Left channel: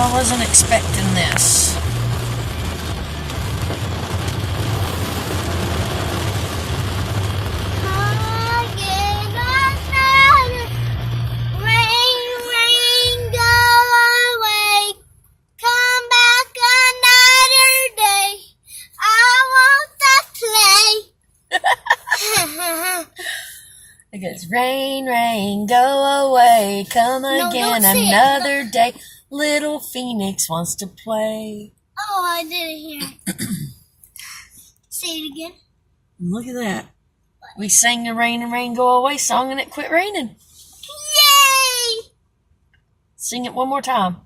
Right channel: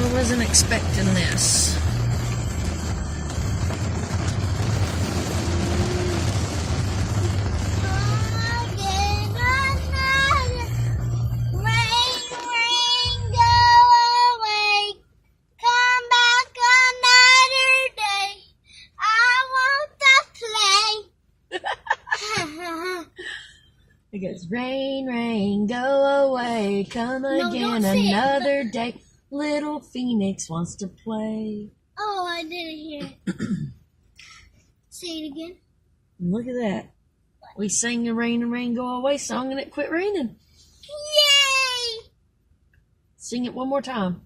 I wasn't expecting this. It goes, rain, rain, go away, come again another day. Little Phoenix wants to play. Oh, I didn't hear it. Say it again. Look at that. We sang the rain and rain go away song and it quit raining. Yay! Sing it one more time.